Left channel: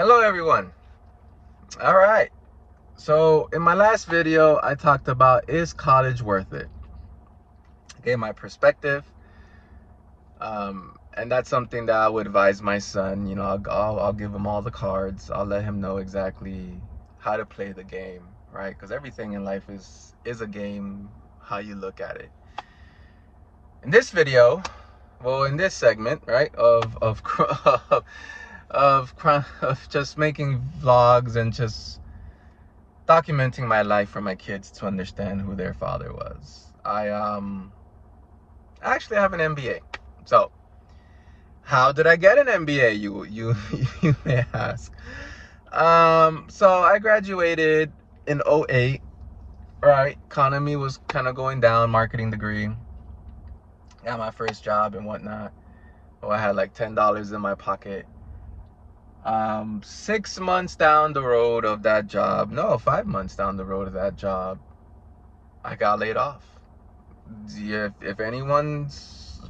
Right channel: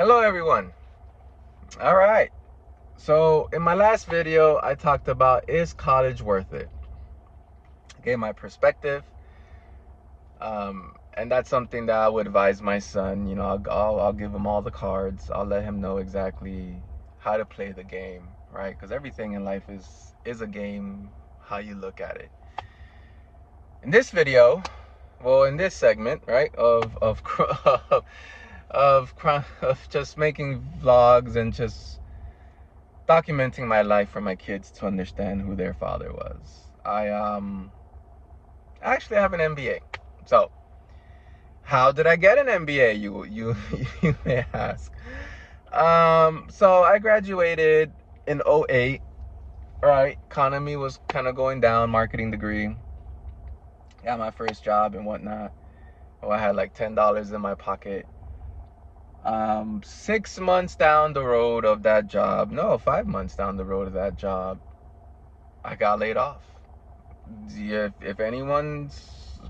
Hello everyone. All right. So in my last video, I talked about, is college worth it? I gave my perspective. And that's something that I would advise my son. I'll give him all the cards. I'll let him know exactly how to play the game, right? Because everything in life is a game, how you look at it. In this video, well, in this segment, right, of just making vlogs and just documenting my life for my kids to understand who their father was. I actually have an MBA. So, how did I get an MBA? You you may ask. So I graduated in '08. Right, economy was kind of going down. Marketing degree. Got my first job and whatnot. Oh, I had like $10 in my pocket. 6 months down the road of that job, no, 5 months down the road of that job, I got laid off. If anyone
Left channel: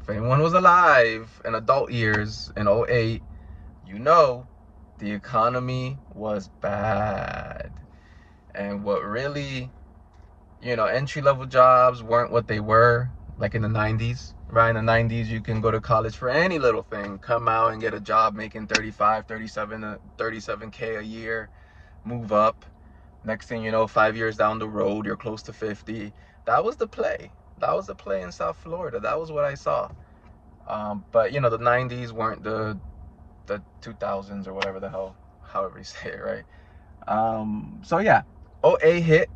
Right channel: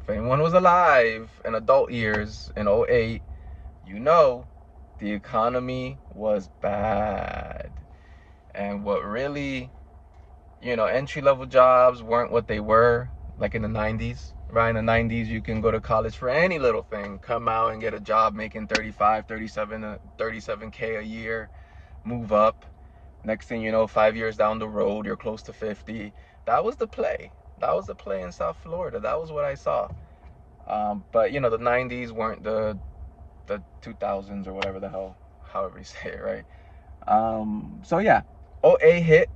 was alive in adult years in '08, the economy was bad. And what really, entry-level jobs weren't what they were like in the 90s. Right, in the 90s, you can go to college for any little thing, come out and get a job making 35, 37K a year, move up. Next thing you know, 5 years down the road, you're close to 50. That was the play. That was the play in South Florida. That was what I saw. But the 90s weren't the 2000s or whatever the hell, however you say it, right? So yeah, '08 hit.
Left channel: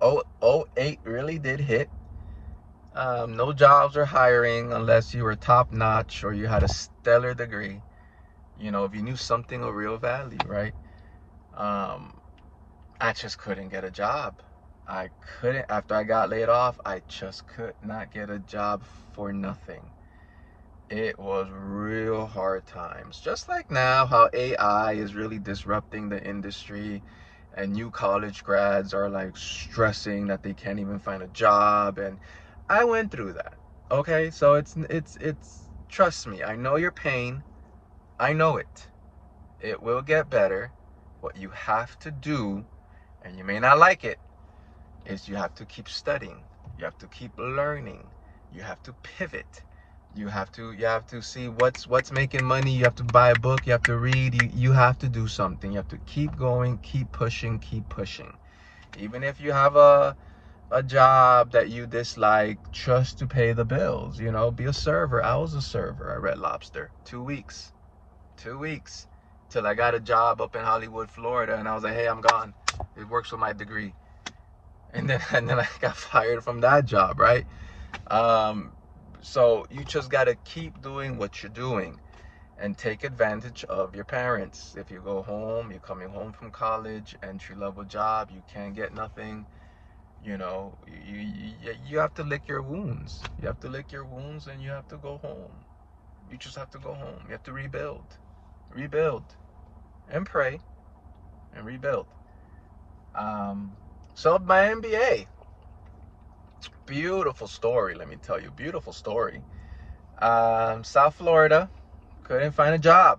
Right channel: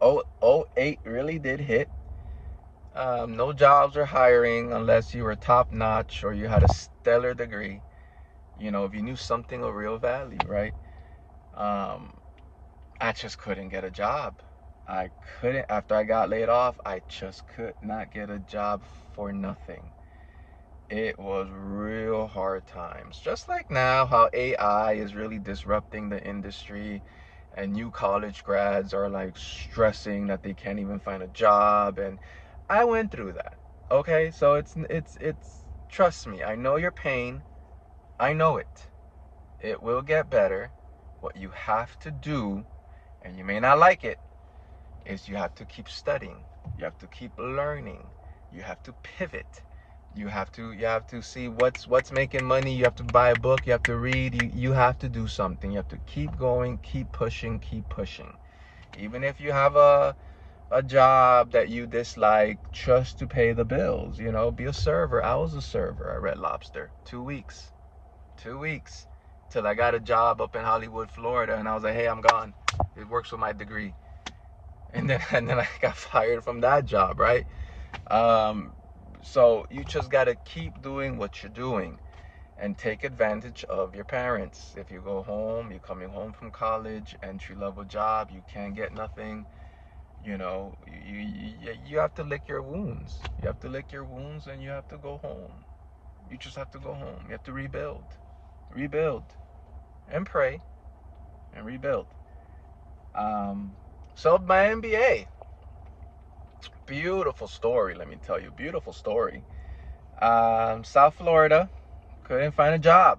'08 really did hit. No jobs are hiring unless you were top notch or you had a stellar degree. If you knew something of real value, right? I just couldn't get a job. I couldn't, after I got laid off, I just could not get a job for nothing. It was real hard times. Just like now, how AI is really disrupting the industry and new college grads are like stressing that they can't even find a job. And I went through that. Okay, so it's trust me, I know your pain. I know it. It will get better. What you have to do, and you may not like it, is you have to keep studying. You have to keep learning. You have to pivot. You have to see what's making money. You have to buy a book. You have to read. You have to do something. You have to keep going, keep pushing, keep pushing. Even if you have a job that you dislike just to pay the bills, be a server. I was a server at Red Lobster. 2 weeks. 2 weeks till I got a job up in Hollywood, Florida, and I was like, hey, I'm gone. It works with my degree. And then I got fired from that job, right? So you just gotta keep doing what you're doing and take advantage of your parents. If you go home, you're coming home from college, entry-level job, you can't get nothing, you have to lick your wounds. You have to lick your wounds and you have to go home. You just have to go home. You have to rebuild and pray and rebuild. So my MBA, beautiful story, let me tell you, beautiful story. South Florida, couldn't find a job.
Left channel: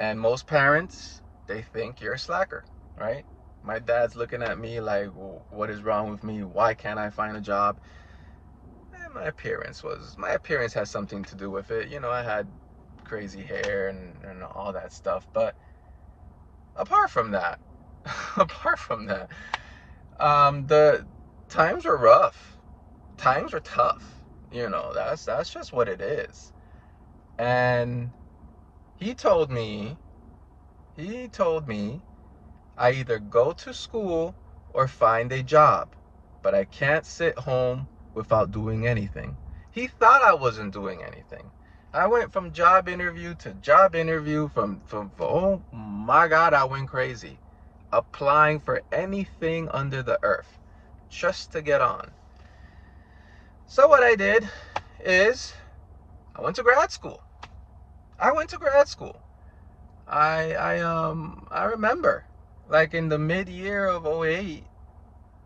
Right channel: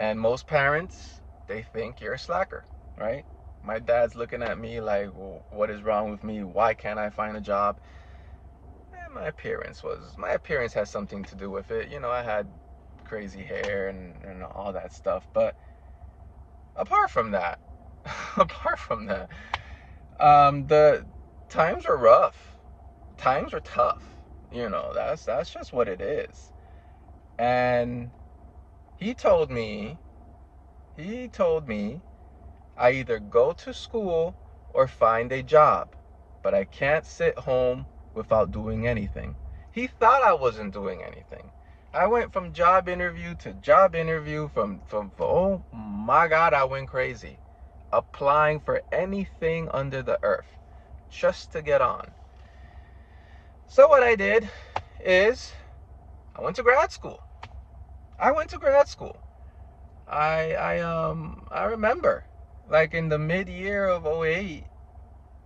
And most parents, they think you're a slacker, right? My dad's looking at me like, well, what is wrong with me? Why can't I find a job? And my appearance has something to do with it. I had crazy hair and all that stuff. But apart from that, the times were rough. Times were tough. That's just what it is. And he told me I either go to school or find a job, but I can't sit home without doing anything. He thought I wasn't doing anything. I went from job interview to job interview, from oh my God, I went crazy. Applying for anything under the earth just to get on. So what I did is I went to grad school. I remember, like in the mid-year of '08,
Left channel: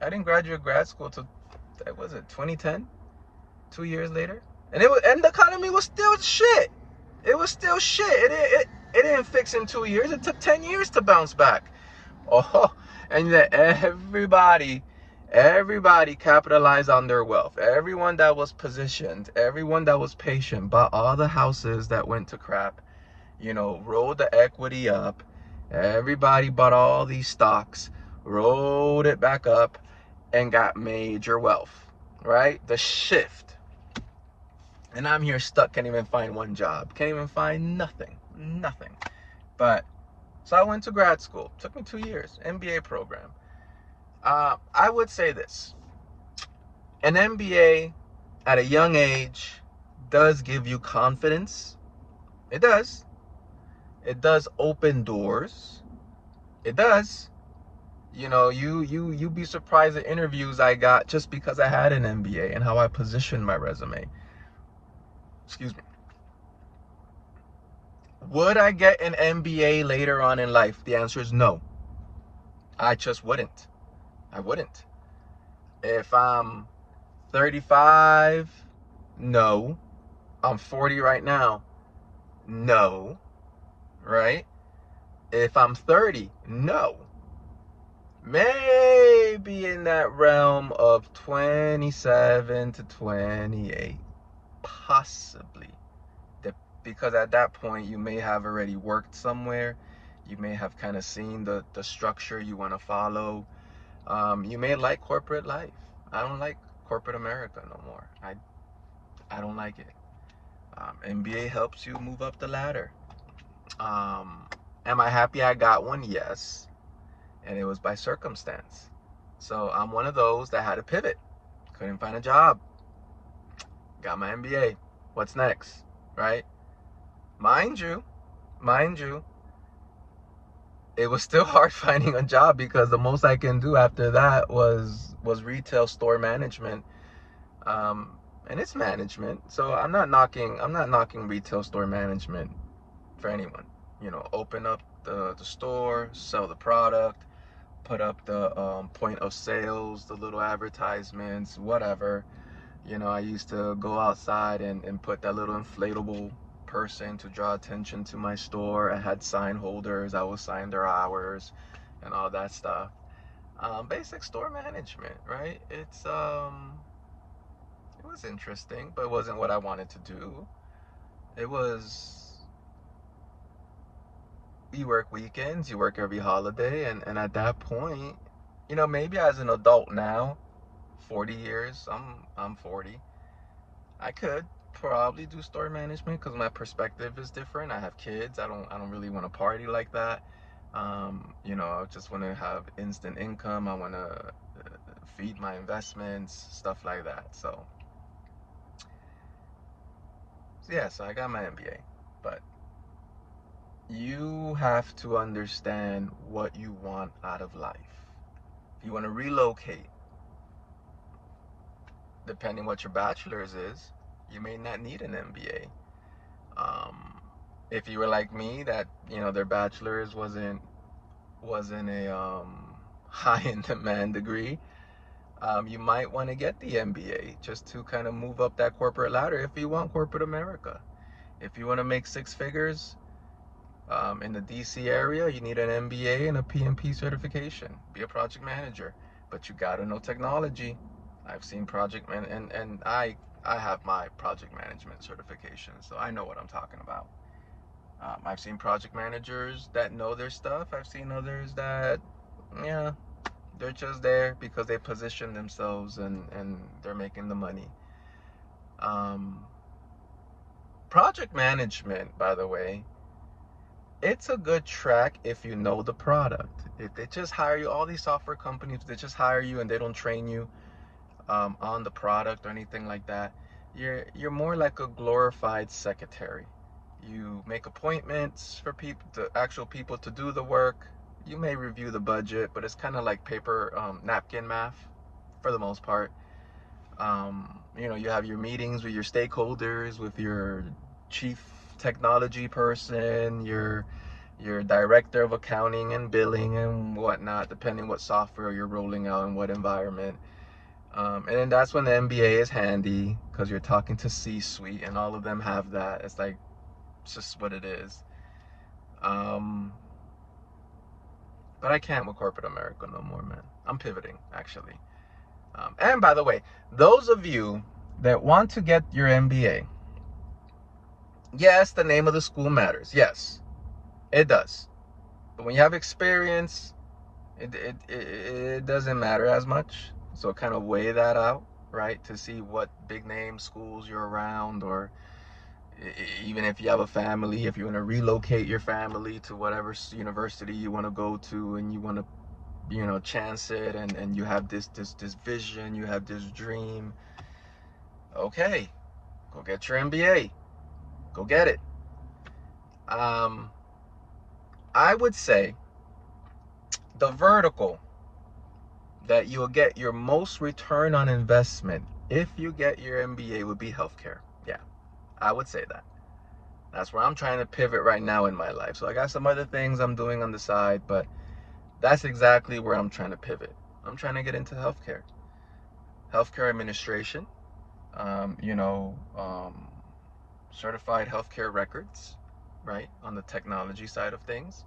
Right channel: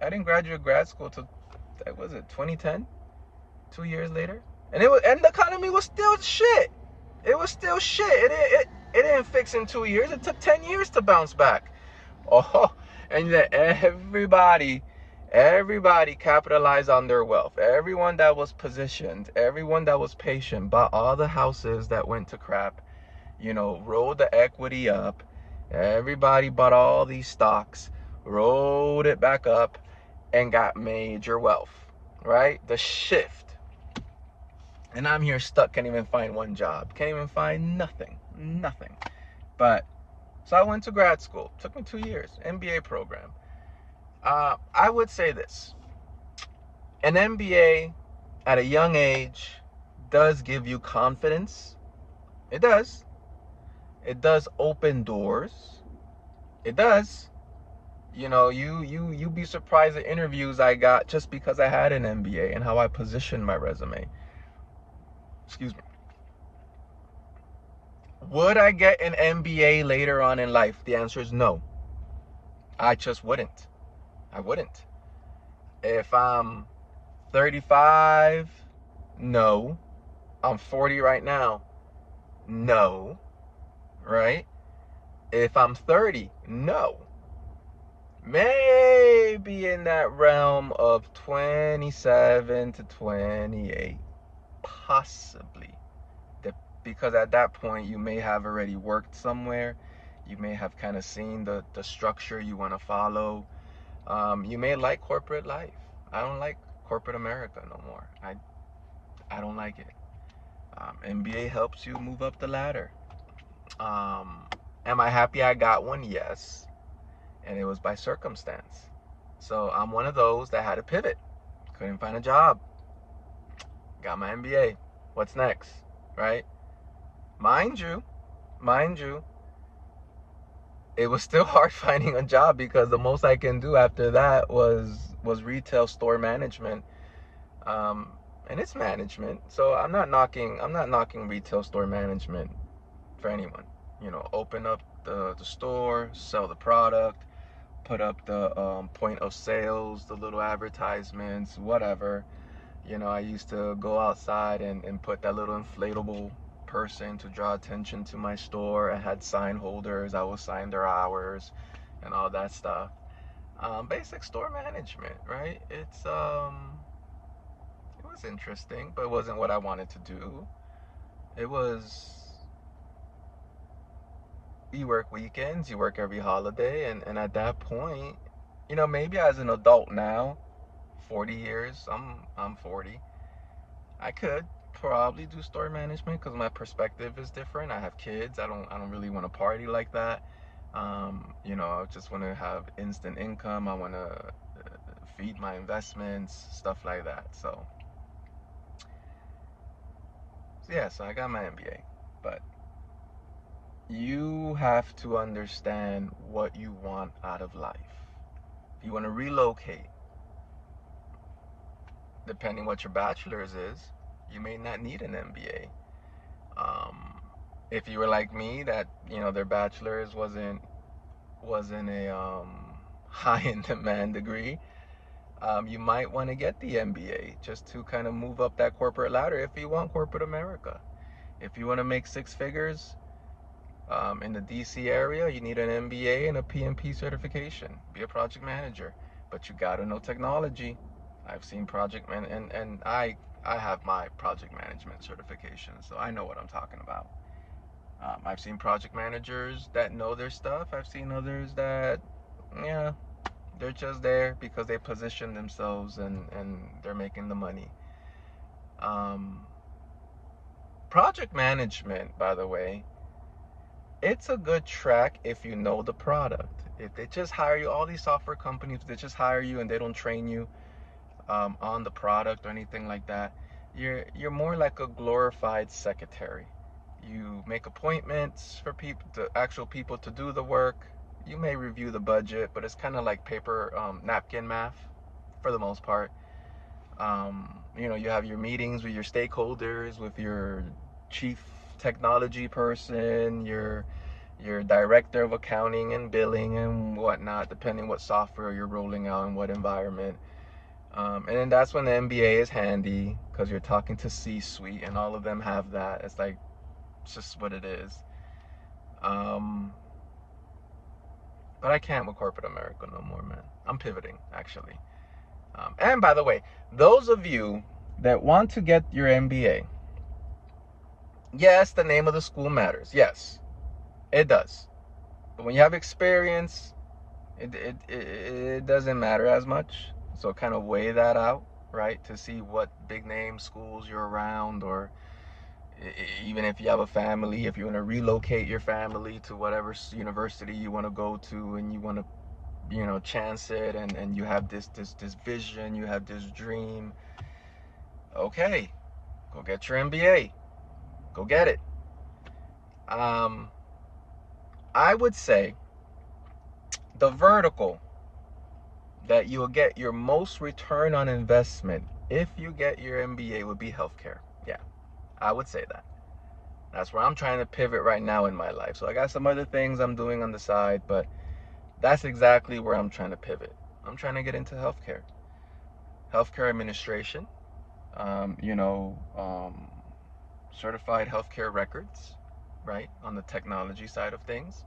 I didn't graduate grad school till, that was it, 2010, 2 years later. And the economy was still shit. It was still shit. It didn't fix in 2 years. It took 10 years to bounce back. Oh, and then everybody capitalized on their wealth. Everyone that was positioned, everyone that was patient, bought all the houses that went to crap, rolled the equity up. Everybody bought all these stocks, rolled it back up, and got major wealth, right? The shift. And I'm here stuck, can't even find one job, can't even find nothing. But so I went to grad school. Took me 2 years, MBA program. I would say this: an MBA at a young age does give you confidence. It does. It does open doors. It does. You be surprised at interviews I got just because I had an MBA and how I positioned my resume. Excuse me. Would I get an MBA later on in life? The answer is no. I just wouldn't. I wouldn't. If I'm 35, no. I'm 40 right now, no. Right? If I'm 30, no. Maybe in that realm of 27 to 28, possibly. Because at that point, you may have already worked somewhere. You may have kind of seen the structure you want to follow. You may like corporate life. I don't like corporate America no more. I don't like it. MBA helps you move up the ladder. Am I happy I got one? Yes. And it was by circumstance. So I'm one of those that had to pivot. Couldn't find a job. Got my MBA. What's next? Right? Mind you, it was still hard finding a job because the most I can do after that was retail store management. And it's management. So I'm not knocking retail store management for anyone. Open up the store, sell the product, put up the point of sales, the little advertisements, whatever. I used to go outside and put that little inflatable person to draw attention to my store. I had sign holders. I would sign their hours and all that stuff. Basic store management, right? It was interesting, but it wasn't what I wanted to do. It was, you work weekends, you work every holiday, and at that point, maybe as an adult now, 40 years, I'm 40, I could probably do store management because my perspective is different. I have kids. I don't really want to party like that. I just want to have instant income. I want to feed my investments, stuff like that. So yeah, so I got my MBA, but you have to understand what you want out of life. If you want to relocate, depending what your bachelor's is, you may not need an MBA. If you were like me, that their bachelor's wasn't a high in demand degree, you might want to get the MBA just to kind of move up that corporate ladder if you want corporate America. If you want to make six figures in the DC area, you need an MBA and a PMP certification. Be a project manager, but you got to know technology. I've seen and I have my project management certification, so I know what I'm talking about. I've seen project managers that know their stuff. I've seen others that, yeah, they're just there because they position themselves and they're making the money. Project management, by the way, it's a good track if you know the product. If they just hire you, all these software companies, they just hire you and they don't train you on the product or anything like that, you're more like a glorified secretary. You make appointments for actual people to do the work. You may review the budget, but it's kind of like paper napkin math for the most part. You have your meetings with your stakeholders, with your chief technology person, your director of accounting and billing and whatnot, depending what software you're rolling out and what environment. And then that's when the MBA is handy because you're talking to C-suite and all of them have that. It's just what it is. Um, but I can't with corporate America no more, man. I'm pivoting, actually. And by the way, those of you that want to get your MBA, yes, the name of the school matters. Yes, it does. But when you have experience, it doesn't matter as much. So kind of weigh that out, right? To see what big name schools you're around, or even if you have a family, if you want to relocate your family to whatever university you want to go to, and you want to, chance it, and you have this vision, you have this dream. Okay, go get your MBA. Go get it. Um, I would say the vertical that you'll get your most return on investment if you get your MBA would be healthcare. Yeah, I would say that. That's where I'm trying to pivot right now in my life. So I got some other things I'm doing on the side, but that's exactly where I'm trying to pivot. I'm trying to get into healthcare administration, um, you know, um, certified healthcare records, right, on the technology side of things.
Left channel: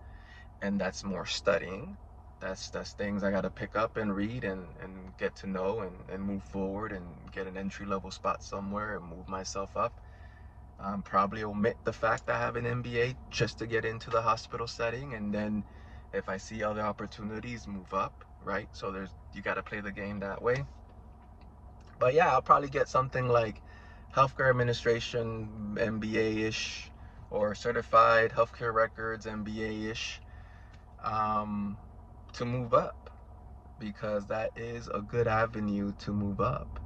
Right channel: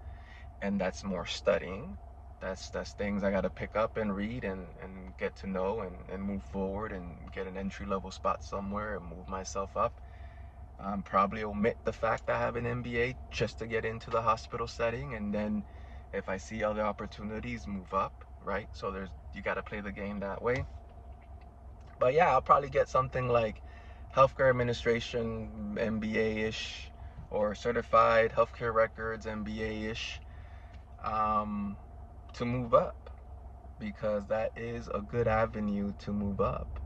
And that's more studying. That's things I got to pick up and read, and get to know, and move forward, and get an entry level spot somewhere and move myself up. Probably omit the fact I have an MBA just to get into the hospital setting, and then if I see other opportunities, move up, right? So you got to play the game that way. But yeah, I'll probably get something like healthcare administration MBA ish, or certified healthcare records MBA ish, um, to move up, because that is a good avenue to move up.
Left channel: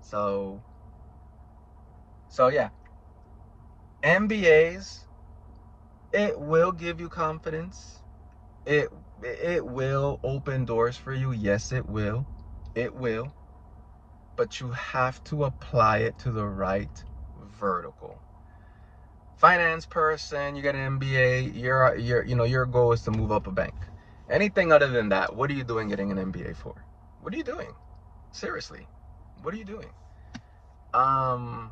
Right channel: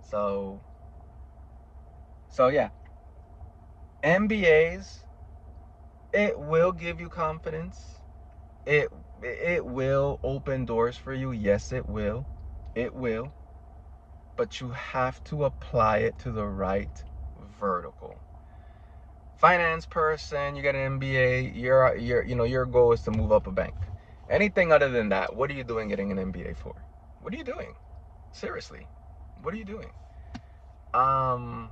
So yeah, MBAs, it will give you confidence. It it will open doors for you. Yes, it will. It will. But you have to apply it to the right vertical. Finance person, you get an MBA, your goal is to move up a bank. Anything other than that, what are you doing getting an MBA for? What are you doing? Seriously. What are you doing? Um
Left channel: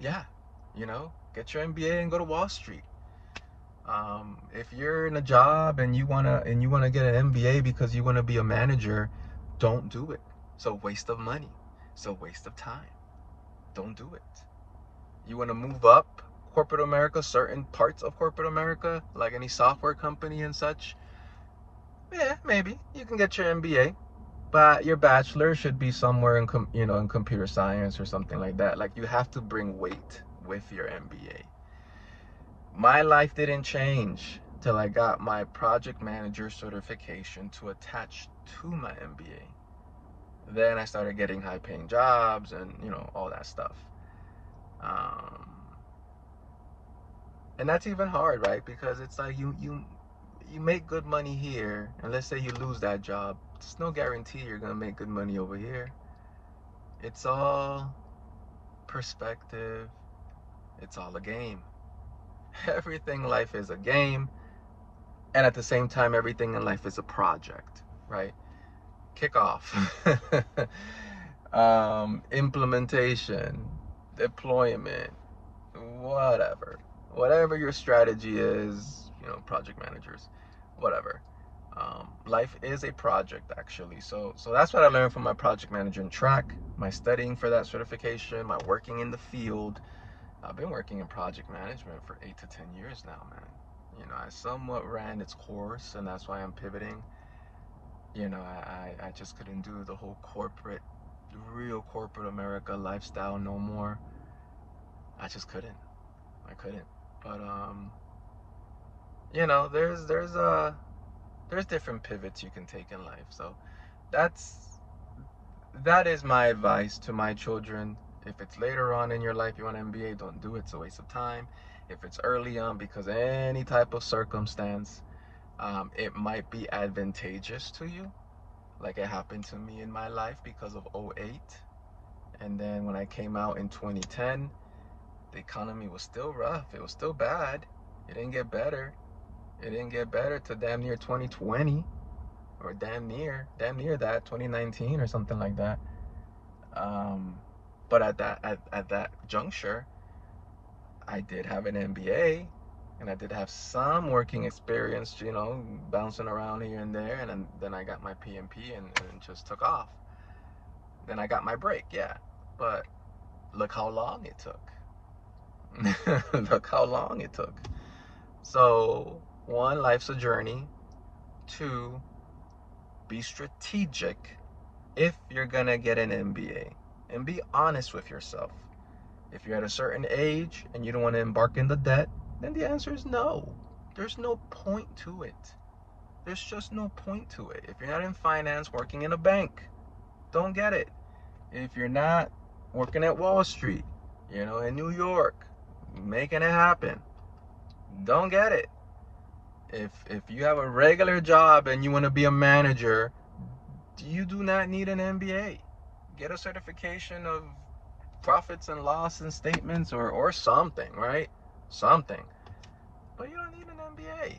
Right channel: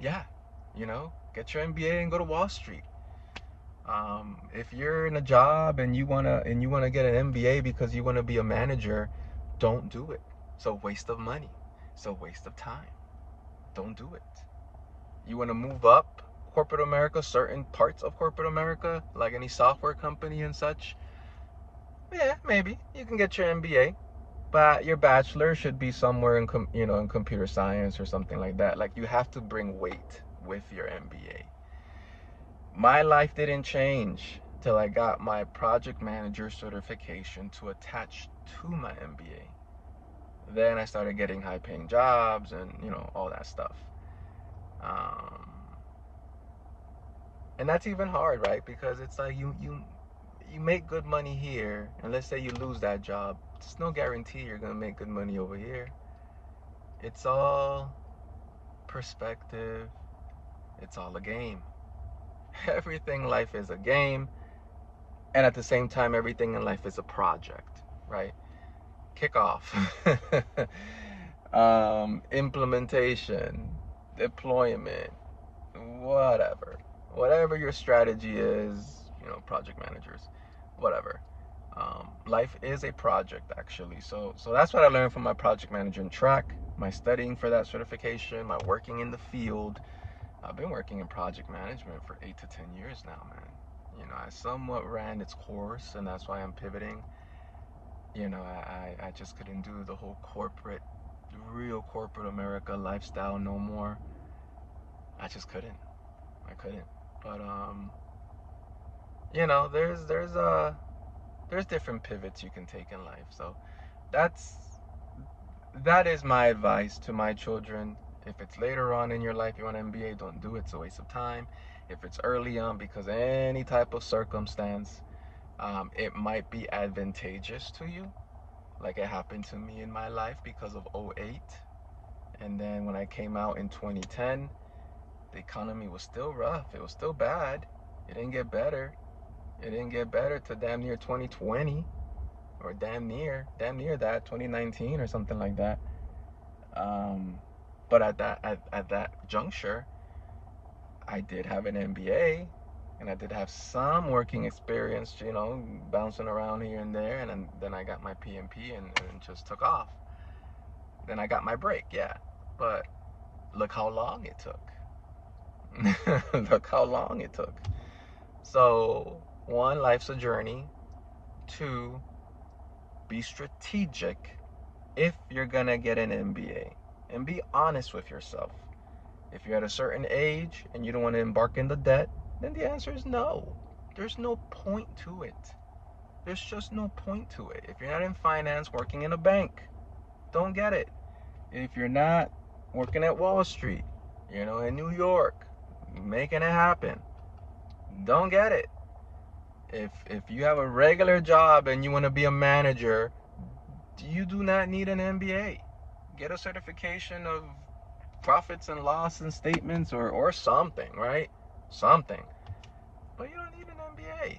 yeah, get your MBA and go to Wall Street. If you're in a job and you wanna get an MBA because you wanna be a manager, don't do it. It's a waste of money. It's a waste of time. Don't do it. You wanna move up corporate America, certain parts of corporate America, like any software company and such. Yeah, maybe you can get your MBA, but your bachelor should be somewhere in computer science or something like that. Like, you have to bring weight with your MBA. My life didn't change till I got my project manager certification to attach to my MBA. Then I started getting high paying jobs and, all that stuff. Um, and that's even hard, right? Because it's like you make good money here, and let's say you lose that job, there's no guarantee you're gonna make good money over here. It's all perspective. It's all a game. Everything in life is a game, and at the same time, everything in life is a project, right? Kickoff, implementation, deployment, whatever. Whatever your strategy is, project managers, whatever. Life is a project, actually. So that's what I learned from my project management track, my studying for that certification, my working in the field. I've been working in project management for 8 to 10 years now, man. I somewhat ran its course, and that's why I'm pivoting. I just couldn't do the whole real corporate America lifestyle no more. I just couldn't. I couldn't. But there's different pivots you can take in life. So that's that is my advice to my children. If it's later on in your life you want an MBA, don't do it. It's a waste of time. If it's early on, because any type of circumstance, it might be advantageous to you, like it happened to me in my life because of '08. And then when I came out in 2010, the economy was still rough. It was still bad. It didn't get better. It didn't get better to damn near 2020, or damn near that 2019 or something like that. Um, but at that juncture, I did have an MBA, and I did have some working experience, bouncing around here and there, and then I got my PMP and just took off. Then I got my break, yeah. But look how long it took. Look how long it took. So, one, life's a journey. Two, be strategic if you're gonna get an MBA. And be honest with yourself. If you're at a certain age and you don't want to embark in the debt, then the answer is no. There's no point to it. There's just no point to it. If you're not in finance, working in a bank, don't get it. If you're not working at Wall Street, in New York, making it happen, don't get it. If you have a regular job and you want to be a manager, you do not need an MBA. Get a certification of profits and loss and statements or something, right? Something. But you don't need an MBA.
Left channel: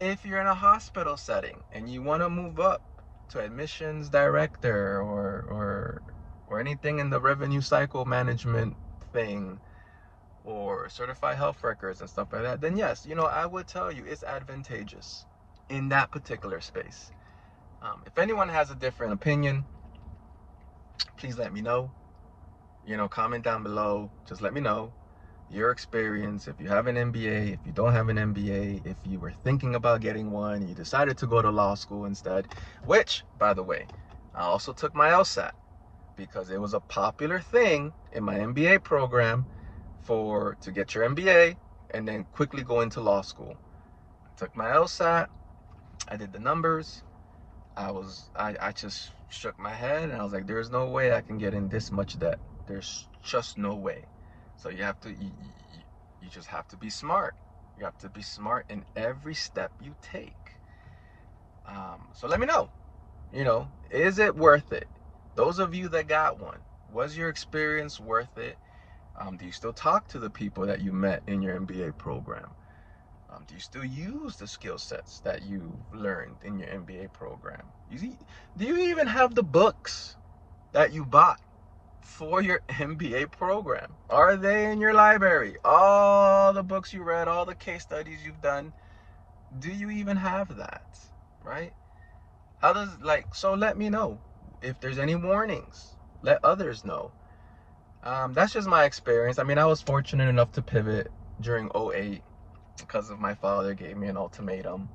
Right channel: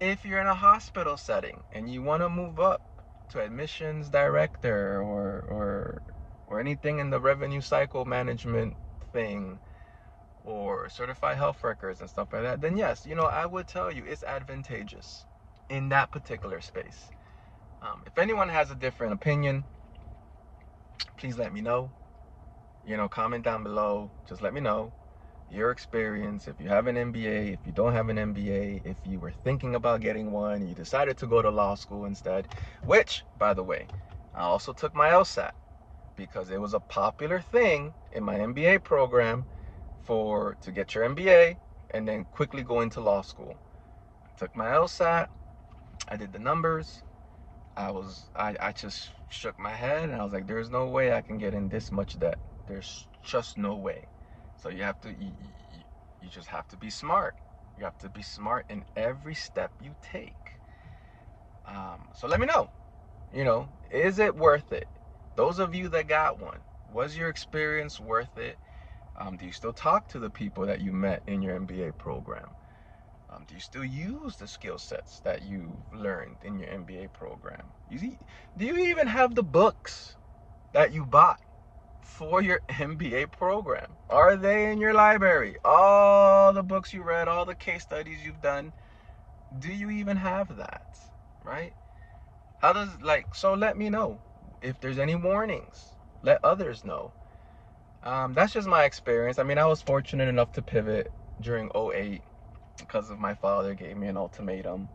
If you're in a hospital setting and you want to move up to admissions director or anything in the revenue cycle management thing, or certified health records and stuff like that, then yes, I would tell you it's advantageous in that particular space. If anyone has a different opinion, please let me know. Comment down below. Just let me know your experience. If you have an MBA, if you don't have an MBA, if you were thinking about getting one, you decided to go to law school instead, which, by the way, I also took my LSAT because it was a popular thing in my MBA program to get your MBA and then quickly go into law school. I took my LSAT, I did the numbers, I just shook my head and I was like, there's no way I can get in this much debt. There's just no way. So you just have to be smart. You have to be smart in every step you take. So let me know, is it worth it? Those of you that got one, was your experience worth it? Do you still talk to the people that you met in your MBA program? Do you still use the skill sets that you learned in your MBA program? Do you even have the books that you bought for your MBA program? Are they in your library? All the books you read, all the case studies you've done, do you even have that? Right? So let me know. If there's any warnings, let others know. That's just my experience. I mean, I was fortunate enough to pivot during 2008 because of my father gave me an ultimatum,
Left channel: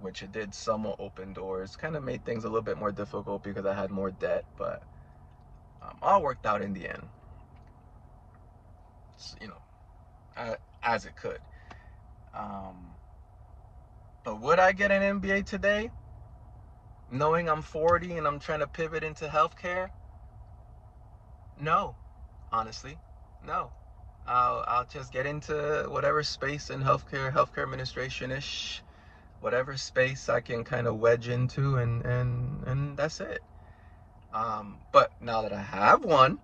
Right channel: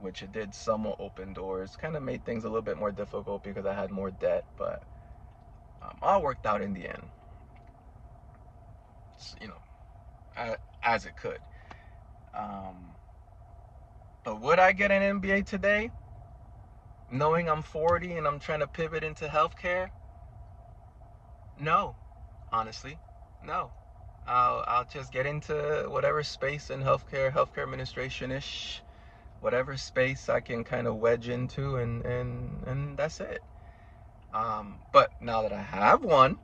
which it did somewhat open doors. Kind of made things a little bit more difficult because I had more debt, but all worked out in the end. As it could. But would I get an MBA today, knowing I'm 40 and I'm trying to pivot into healthcare? No, honestly, no. I'll just get into whatever space in healthcare administration-ish, whatever space I can kind of wedge into, and that's it. But now that I have one,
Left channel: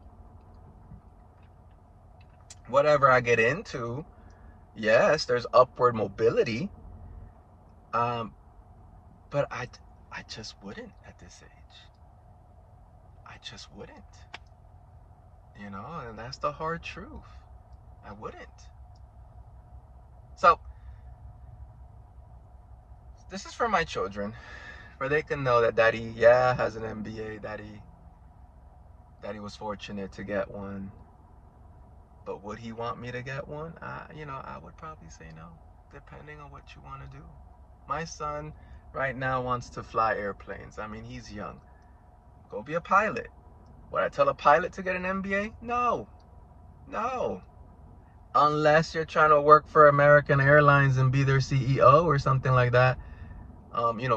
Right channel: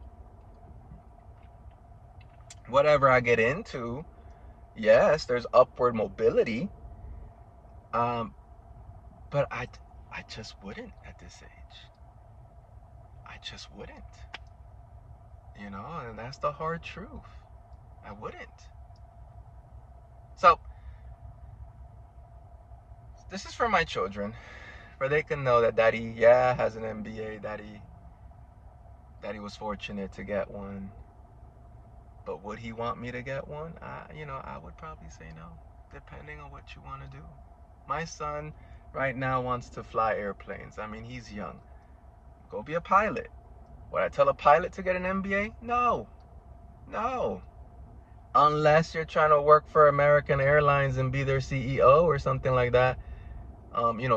whatever I get into, yes, there's upward mobility. But I just wouldn't at this age. I just wouldn't. And that's the hard truth. I wouldn't. So, this is for my children, where they can know that daddy, has an MBA, daddy was fortunate to get one. But would he want me to get one? I would probably say no, depending on what you want to do. My son right now wants to fly airplanes. I mean, he's young. Go be a pilot. Would I tell a pilot to get an MBA? No. Unless you're trying to work for American Airlines and be their CEO or something like that,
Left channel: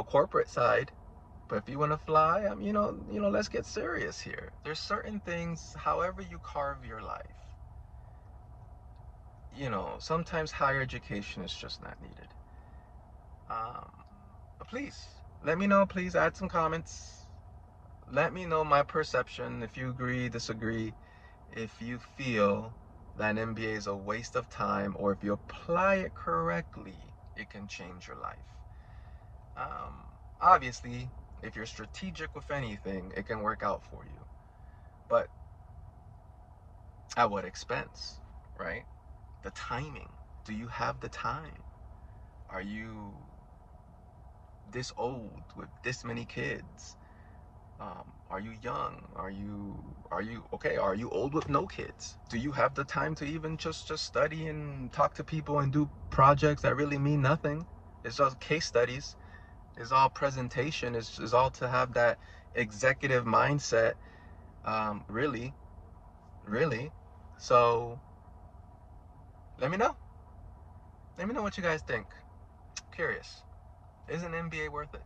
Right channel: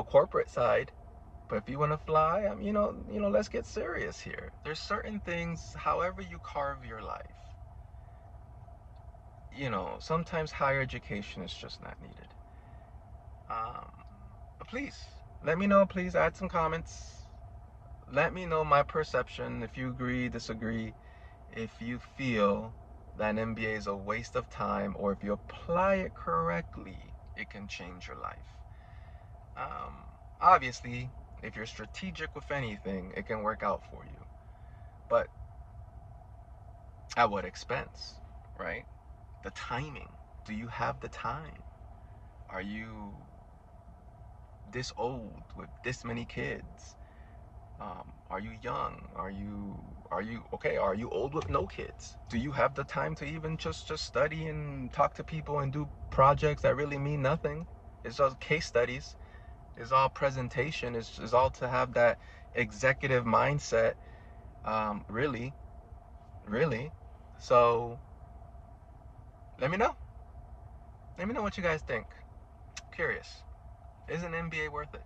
corporate side. But if you want to fly, let's get serious here. There's certain things, however you carve your life, sometimes higher education is just not needed. But please, let me know. Please add some comments. Let me know my perception, if you agree, disagree, if you feel that an MBA is a waste of time, or if you apply it correctly, it can change your life. Obviously, if you're strategic with anything, it can work out for you. But at what expense, right? The timing. Do you have the time? Are you this old with this many kids? Are you young? Are you okay? Are you old with no kids? Do you have the time to even just study and talk to people and do projects that really mean nothing? It's just case studies. It's all presentation. It's all to have that executive mindset. Really, really. So let me know. Let me know what you guys think. Curious. Is an MBA worth it?